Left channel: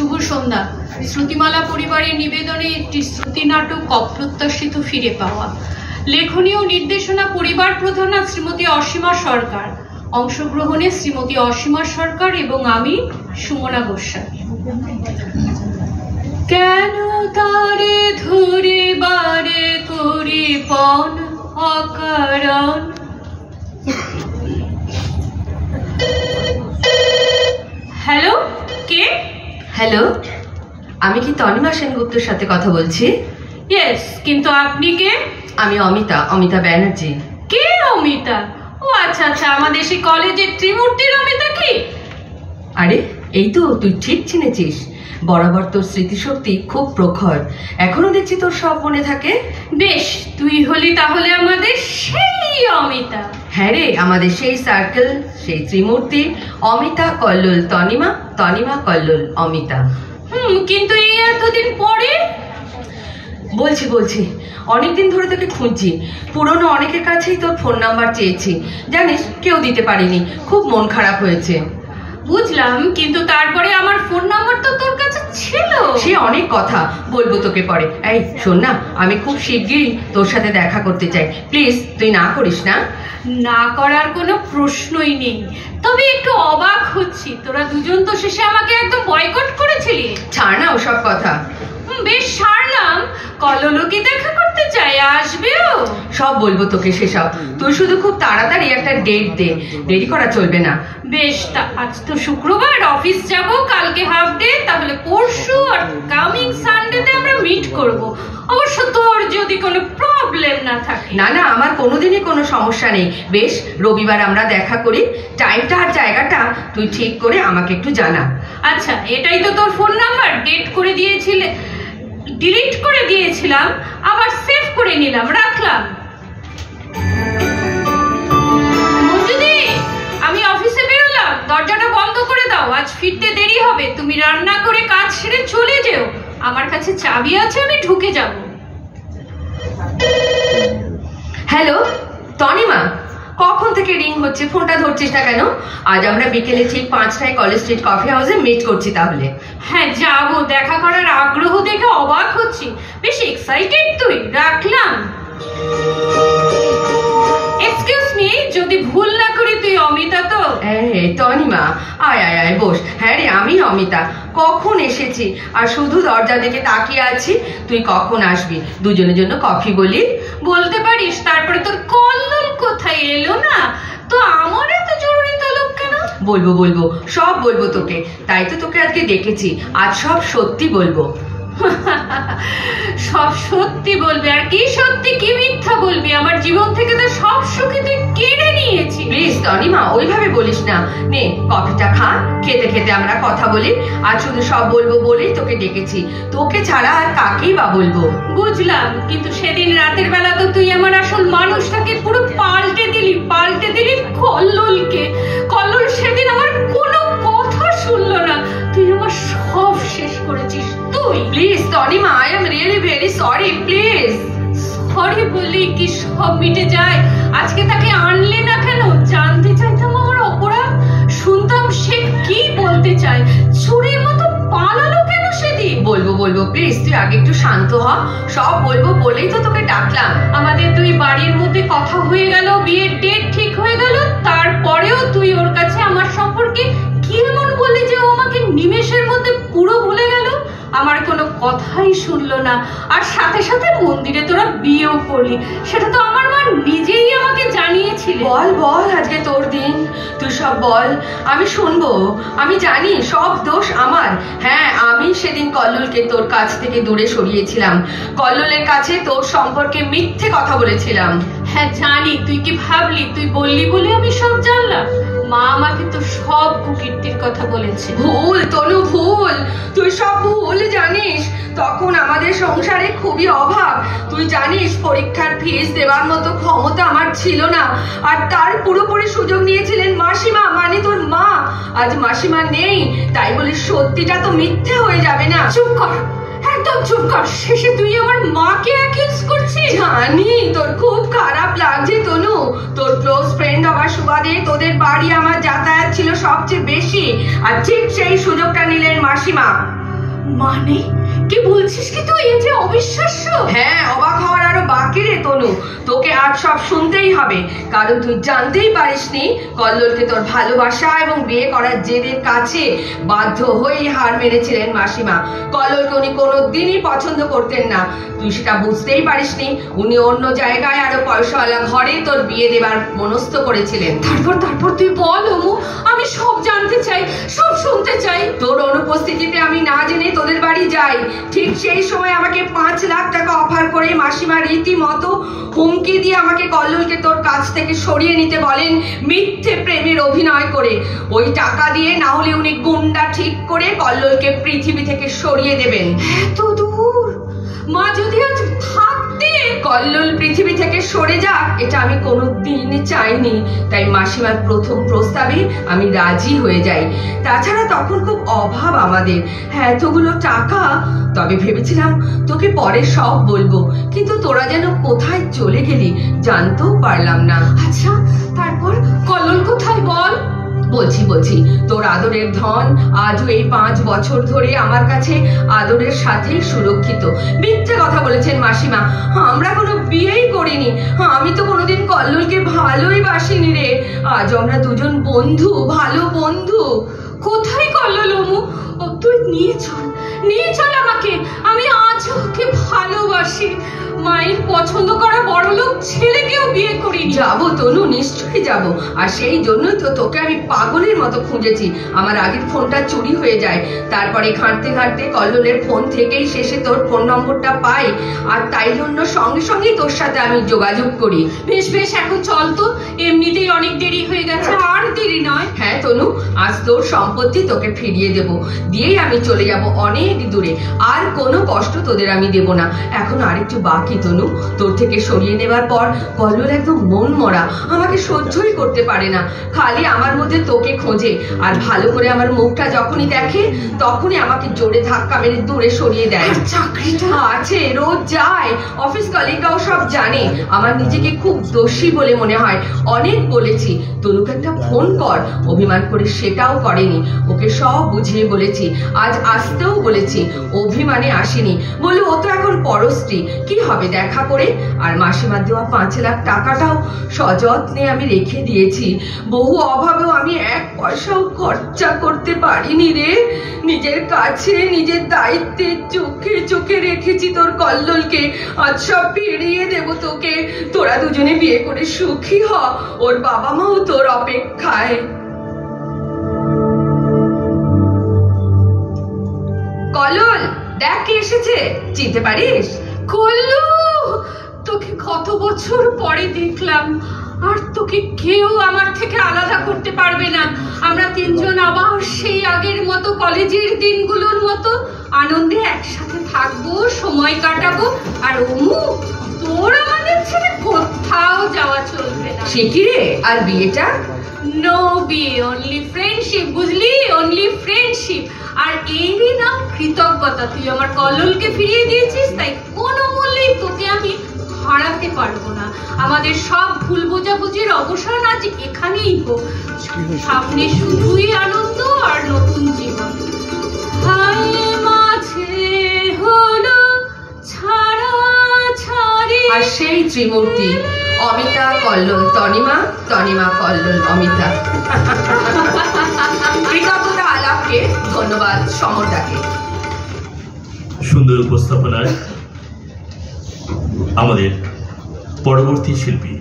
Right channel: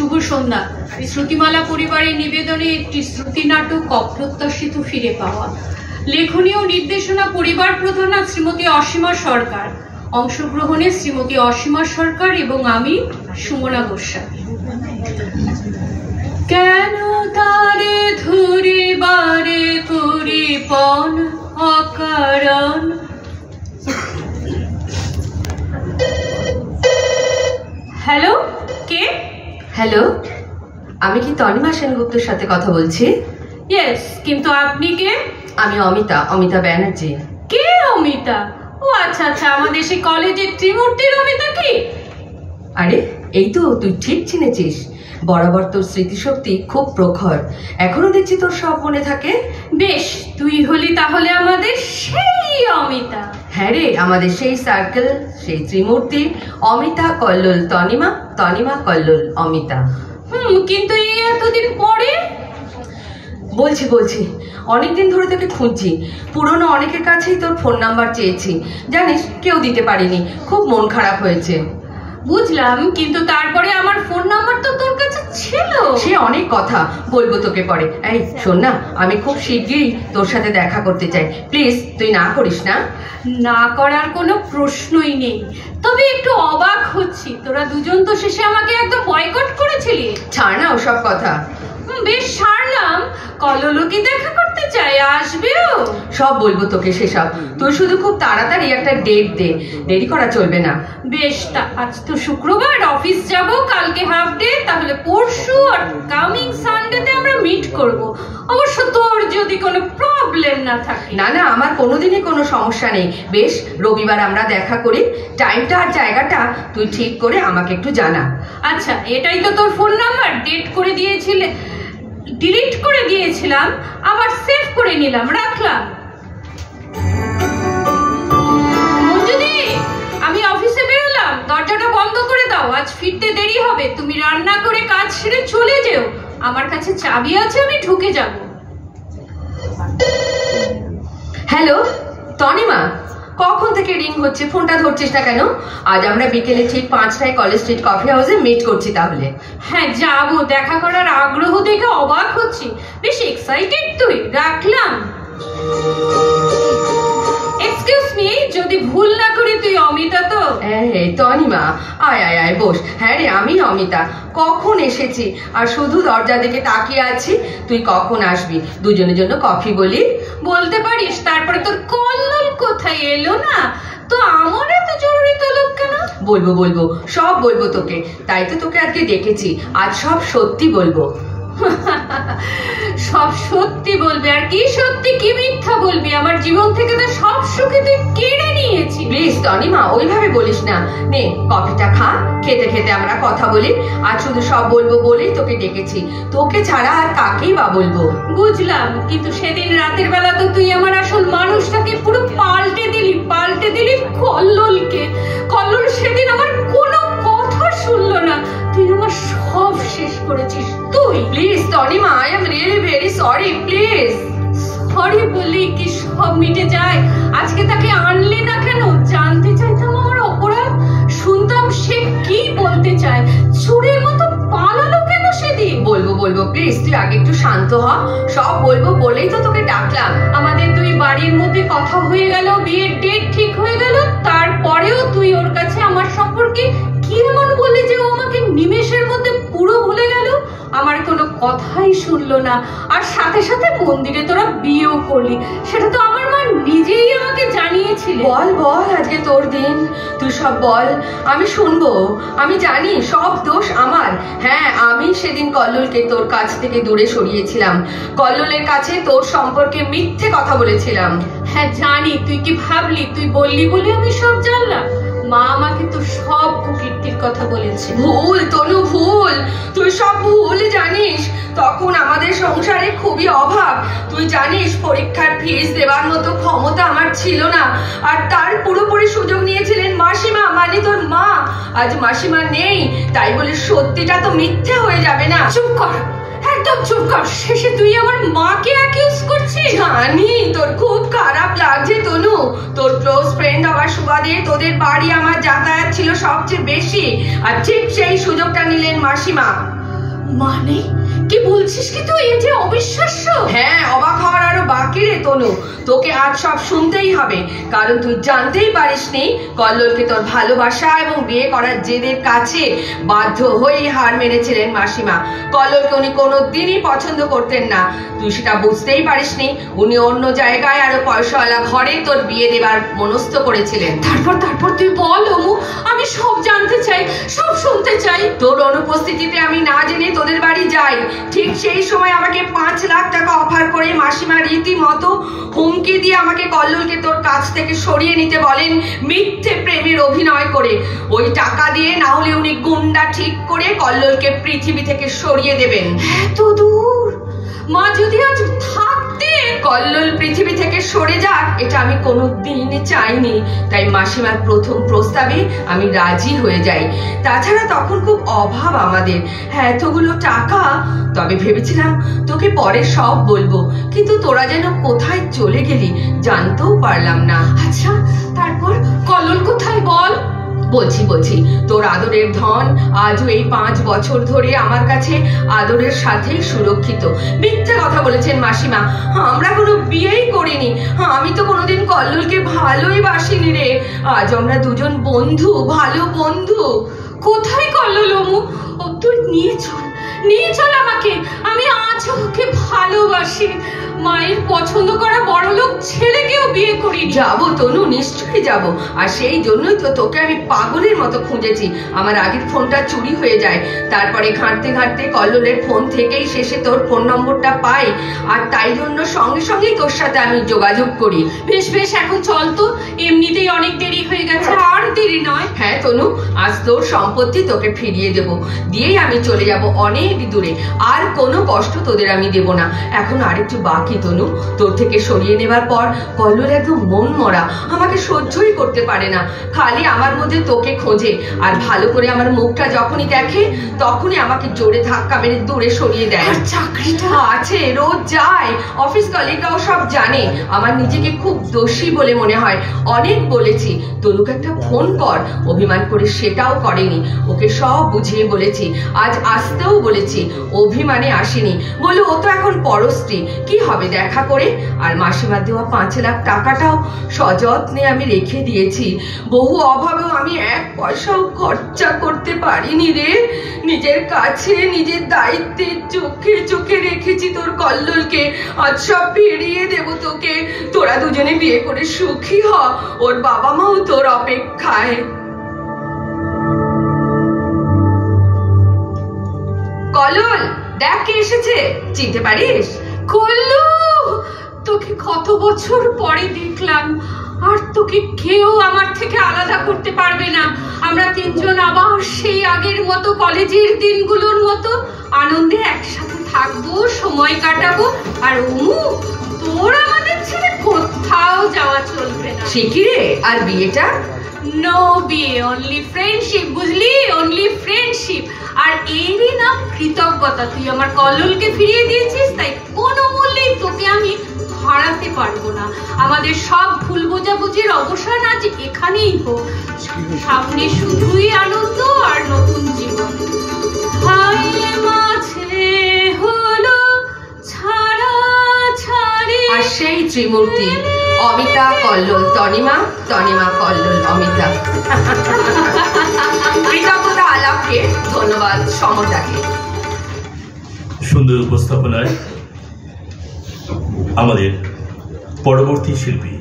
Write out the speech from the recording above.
শুভ সন্ধ্যা। শ্রুতিমালা পরিবারের নিবেদনে একটি শ্রুতি নাটক অপ্রত্যাশিত ফিরে পাওয়া। লেখনী ও নির্দেশনা পরিবার প্রধান শ্রীমতী অসীমা সরকার। অংশগ্রহণে শ্রীমতী অসীমা সরকার এবং আমি সুমনা গোস্বামী। কেন তারে ধরে বারে করে পণ অকারণ। হ্যালো, কে? হ্যালো, আমি কি তনিমা সেনগুপ্তর সাথে কথা বলছি? ইয়েস, কিন্তু আপনি কে? আমি অমিতা ব্যানার্জি। কে অমিতা? ও আচ্ছা আচ্ছা, আমাদের সেই কলেজের ত্রিমূর্তির অমিতা কি? আরে এই তো, তুই ঠিক চিনেছিস। বরাবর তোর স্মৃতিশক্তি খুব প্রখর, এখনো দেখছি তোর সব মনে থাকে। বেশ, তুই হলি তাহলে আমাদের সেই অমিতা। হ্যাঁ রে, আমাদের সেই সার্কেল, সেই ত্রিমূর্তি, অমিতা কল্লোল তনিমা, তনিমা কল্লোল অমিতা। কিন্তু এই এতদিন পরে? বলছি অনেকদিন ধরে তোকে খুঁজছি। পুরনো অনেকের কাছেই তোর ফোন নাম্বার চেয়েছি, জানিস কেউ দিতে পারিনি, খুব মন খারাপ হয়েছে। বুঝলাম, কিন্তু তারপরে আমার ফোন নাম্বার তো তোর কাছে ছিল। সে অনেক কথা, বলবো তোকে পরে। এই শোন না, আমি খুব শিগগিরই তোর সাথে দেখা করতে চাই, প্লিজ তুই না করিস না। না করার কোনো প্রশ্নই নেই, তবে একটু অবাক হচ্ছি, তোরা দুজন তো শেষে আমাকে একদম বয়কট করেছিলি। ছাড় না ওসব কথা। বেশ, ছাড়লাম। কল্লোল কি দেখা করতে চাই, আসবেও? সব বলবো তোকে সেসব, তুই শুধু খুব তাড়াতাড়ি একটা ডেট দে, দেরি করা চলবে না। বেশ, আজ তো শুক্রবার, অফিস যাব, কালকে হাফ ডে, তাহলে পরশু আর কামিং সানডেতে আমরা মিট করব। অবশ্য তোর যদি কোনো প্রবলেম না থাকে। না না, আমার কোনোদিনই কোনো সমস্যা নেই। বেশ, রবিবার আমরা দেখা করি, টাইমটা আর জায়গাটা তুই ঠিক করে আমাকে একটু জানা। আচ্ছা, এটাই তো তোর ফোন নাম্বার? ডেট করে দিয়েছিলে, ডিলিট করে দিয়েছিলাম, আবার সেভ করে নিলাম, রাখলাম। মঞ্জুদি, আমি অফিসে বেরোলাম, দরজাটা বন্ধ করে দাও, আজ ফিরতে দেরি হবে। তুমি রান্না করে কাজ সেরে চলে যেও, আমার কাছে চাবি আছে, আমি ঢুকে যাব। হ্যালো তনিমা, কখন থেকে রিং হচ্ছে, ফোনটা ধরছিস না কেন? আজ আমরা বিকেলে ঠিক 5টায় কলেজ স্ট্রিট কফি হাউসে মিট করছি। তাহলে হ্যাঁ যাবো, দেখা করার আগ্রহ দেখে অবাক হচ্ছি, বেশ এক্সাইটেড তুই। রাখলাম। এক্সকিউজ মি, যদি ভুল না করি তুই অমিতা তো? তনিমা, আয় আয় আয় বস। হ্যাঁ রে, আমি অমিতা। কখন এসেছি, আর শুধু দরজা দিকে তাকিয়ে আছি, তুই কখন আসবি, দুজনের জন্য কফি বলি। বলতে পারিস তারপরে তোর কল্লোল কোথায় এলো না তো? আমার এত জরুরি তলব কেন? বলবো, সব বলবো তোকে, তাই তো তোকে আজকে ডেকেছি। আজ সব সত্যি বলবো। সব সত্যি বলবি? আর কি সত্যি কি মিথ্যা বলবি? আমার জীবন থেকে তো সব সুখে তুই কেড়ে নিয়েছিস। প্লিজ তনিমা, ওইভাবে বলিস না। নে কফিটা খা, খেতে খেতে আমরা কথা বলি। আর শুধু সব বলবো বলেই তোকে ডেকেছি, তোকে ছাড়া আর কাকেই বা বলবো। বুঝলাম, কিন্তু সেদিন রাতের বেলা তো তুই আমার আসল মানুষটাকে পুরো পাল্টে দিলি কল্লোলকে। কল্লোল সেদিন আমার কোনো কথা শুনলো না, তুই আমার সব শেষ করেছিস তুই। Please Tanima, I am really very sorry, please. Sorry বললেই কি সব মিটে যায়? আজকে তাকে আনলে না কেন? জানতে চাইতাম আমার অপরাধ, শুনতাম সে কি বলতে চায়। চোরের মতো পালালো কেন সেদিন? বলবো প্লিজ, তুই আগে একটু শান্ত হ। সব বলবো বলেই তো তোকে ডাকলাম। আমাদের দুই বাড়ির মধ্যে কথা হয়ে গেল, বিয়ের ডেট ঠিক হয়ে গেল, তারপরেও তুই ওর কাছে আমার সম্পর্কে কি এমন বললি যে ও আমাকে নিমেষের মধ্যে পুরো ভুলে গেল? আমার কোনো কথাই শুনলো না, আর সাথে সাথে মন্দিরে তোরা বিয়েও করলি, সেটা তো আমার মা নিজেই আমাকে জানিয়েছিলেন। বল আজকে তোর দিন, তুই সব বল, আমি শুনবো। আমি জানি সব দোষ আমার। হ্যাঁ, আমি সেদিন কল্লোলকে তোর কাছ থেকে দূরে সরিয়েছিলাম, কল্লোলের কাছে তোর সম্পর্কে মিথ্যে কথা বলেছিলাম। হ্যাঁ জানি, তুই কি ভাবলি তুই বললি বলে আমি সব জানলাম? মা আমাকে তো সব কুকীর্তির কথা বলেছে। ভুল তনু, ভুল, তুই সব ভুল জানিস। তখন আমাদের সংসারে খুবই অভাব, তুই জানিস। পরীক্ষার ফিস দেওয়ার মতো ক্ষমতা আমার ছিল না, আর তার পুরোপুরি সুযোগ নিয়েছিলেন মাসিমা, মানে তোর মা। আজ মাসিমা নেই, তাই বলে সত্যিটা তো মিথ্যে হয়ে যাবে না। চুপ কর, একদম চুপ কর। শেষে তুই আমার মাকে অ্যাকিউজ করছিস। জানি তোর খুব খারাপ লাগছে তনু, তোর ক্লোজ ফ্রেন্ড হবার সুবাদে তোদের বাড়ি আমার যাতায়াত ছিল সবচেয়ে বেশি, আর ঠিক সেই সুযোগটা নিলেন মাসিমা। মানে কি বলছিস কি তুই? এই যে অবিশ্বাস্য। হ্যাঁ, অবাক হওয়ার আরো বাকি রে তনু। তোকে আজ সব শুনতেই হবে, কারণ তুই জানতেই পারিসনি কল্লোলকে তোর ভালোবাসা এবং বিয়ে করার জেদের কাছে বাধ্য হয়েই হার মেরেছিলেন মাসিমা। কল্লোলকে উনি কোনোদিনই পছন্দ করতেন না, তুই সেটা বুঝতেই পারিসনি। উনি অন্য জায়গায় আরো পয়সাওয়ালা ঘরে তোর বিয়ে দেবার মনস্থ করেছিলেন। তারপর তুই বল অমু, আমি সব জানতে চাই, সব শুনতে চাই। তোর অনুপস্থিতিতে আমি না জেনে তোদের বাড়ি যাই। ঠিক সেই সময় আমাকে 5 লাখ টাকা অফার করে মাসিমা রীতিমতো হুমকি দিয়ে আমাকে কল্লোলকে তোর কাছ থেকে সরিয়ে নিতে বলেন, মিথ্যে প্রেমের অভিনয় করে। ওই টাকা দিয়ে না হলে উনি গুন্ডা ঠিক করে কল্লোলকে পৃথিবী থেকে সরিয়ে দেবেন। এত দূর? মা যদি আজ থাকতে। কল্লোল পৃথিবী থেকে সরে যাক এটা আমি কোনোদিন চাইনি, তাই মাসিমার প্রথম প্রস্তাবে আমি রাজি হয়ে যাই। তাছাড়া তখন খুব অভাব আমাদের, হ্যাঁ এতগুলো টাকা। তবে ভেবেছিলাম তোকে পরে সব বলবো, কিন্তু তোরা যেন কোথায় চলে গেলি জানতেও পারলাম না। আচ্ছা তারপর কল্লোল কোথায় বল? বলছি তোর আদরের ধন আজও এই 5 বছর ধরে আমার কাছে আদরের সাথেই সুরক্ষিত। মিথ্যে কথা বলেছেন মাসিমা, আমরা কোনো বিয়েই করিনি। আমি তো কোনোদিন কল্লোলকে ভালোই বাসিনি রে। আজ আমরা দুজন বন্ধু, ভালো বন্ধু। কোথায় কল্লোল অমু? তুই নিয়ে চল আমাকে। আমি আজ ওকে ভালোবাসি। মায়ের পছন্দ করা বড়লোক ছেলেকেও বিয়ে করি। যাবো তনু, নিশ্চয়ই যাব। আর সেই জন্যই তো তোকে আমি পাগলের মতো খুঁজেছি। আমার আগের ফোনটা চুরি হয়ে যায়, তারপরে ঘাঁটতে কল্লোলের ফোন থেকেই শেষে তোর ফোন নম্বরটা পাই, আর তাই জন্য সঙ্গে তোর সাথে আমি যোগাযোগ করি। বেশ এখন চল তো, এমনিতেই অনেক দেরি হয়ে গেছে, আর দেরি নয়। হ্যাঁ তনু, আজ তোর সম্পত্তি তোকে ফিরিয়ে দেব, দিয়েই আমি চলে যাব অনেক দূরে। আর কোনো কষ্ট তোদের আমি দেব না। এখন আরেকটু বাকি তনু, তোর থেকে সরিয়ে নেবার পর কল্লোল একদম মন মরা, আমাকে সহ্যই করতে পারে না। খালি আমার মধ্যে তোকে খোঁজে, আর ভালো করে আমার মুখটা যখনই দেখে তখনই আমাকে জোরে ধাক্কা মেরে দূরে সরিয়ে দেয়। চাকরিটা আছে, রোজ যায়, অফিস কলিগরাও সব জানে। আমার নিজেকে খুব দোষী বলে মনে হয়। অনেক বলেছি তনুকে একটা ফোন কর, অভিমান করে সেটাও করেনি। ওকে সব বুঝিয়ে বলেছি, আজ আসতেও বলেছি, অভিমানে আসেনি। বলে ও তো এখন পরস্ত্রী, কি হবে দেখা করে। আর মাসিমার দেওয়া 5 লাখ টাকাটাও সযত্নে আমি রেখে দিয়েছি। বহু অভাবেও আমি 1 পয়সাও খরচা করতে পারিনি রে। নিজের কাছে, নিজের দায়িত্বে চোখে রেখেছি তোর কল্লোলকে। আজ সব ফিরিয়ে দেব তোকে। তোরা দুজনে বিয়ে করে সুখী হ, ওর বাবা মাও তোর অপেক্ষায়। কল্লোল দেখ কে এসেছে, চিনতে পারিস? কল্লু, তোকে কত বছর পরে দেখলাম, আর তোকে কেউ আমার থেকে আলাদা করতে পারবে না। আমরা 3 জন আবার সেই আগের মতো কলেজের দিনগুলোর মতো আনন্দে একসাথে থাকবো, সময় কাটাবো। আর অমু, তোর আমাদের ছেড়ে কোথাও যাওয়া চলবে না। সে কি রে, আর বিয়েটা? নো বিয়ে, অনলি ফ্রেন্ডশিপ, বুঝলি? Only friendship. আর এরই না কৃতজ্ঞতা, তুই আমার কল্লোলকে ফিরিয়ে দিয়েছিস, তাই কোনো মূল্যেই তোকে আমি হারাতে পারবো না। আমাদের সব ভুল বোঝাবুঝির অবসান আজ এখানেই হোক। সামনে শুধুই আনন্দ আর নতুন জীবন। মাঝে হলো ছাড়াছাড়ি। আর সেই ত্রিমূর্তি, অমিতা কল্লোল তনিমা, তনিমা কল্লোল অমিতা। কৃতজ্ঞতা আলাপকে ধন্যবাদ সমরদাকে। সুন্দর উপস্থাপনায় আমাদের পরবর্তী শিল্পী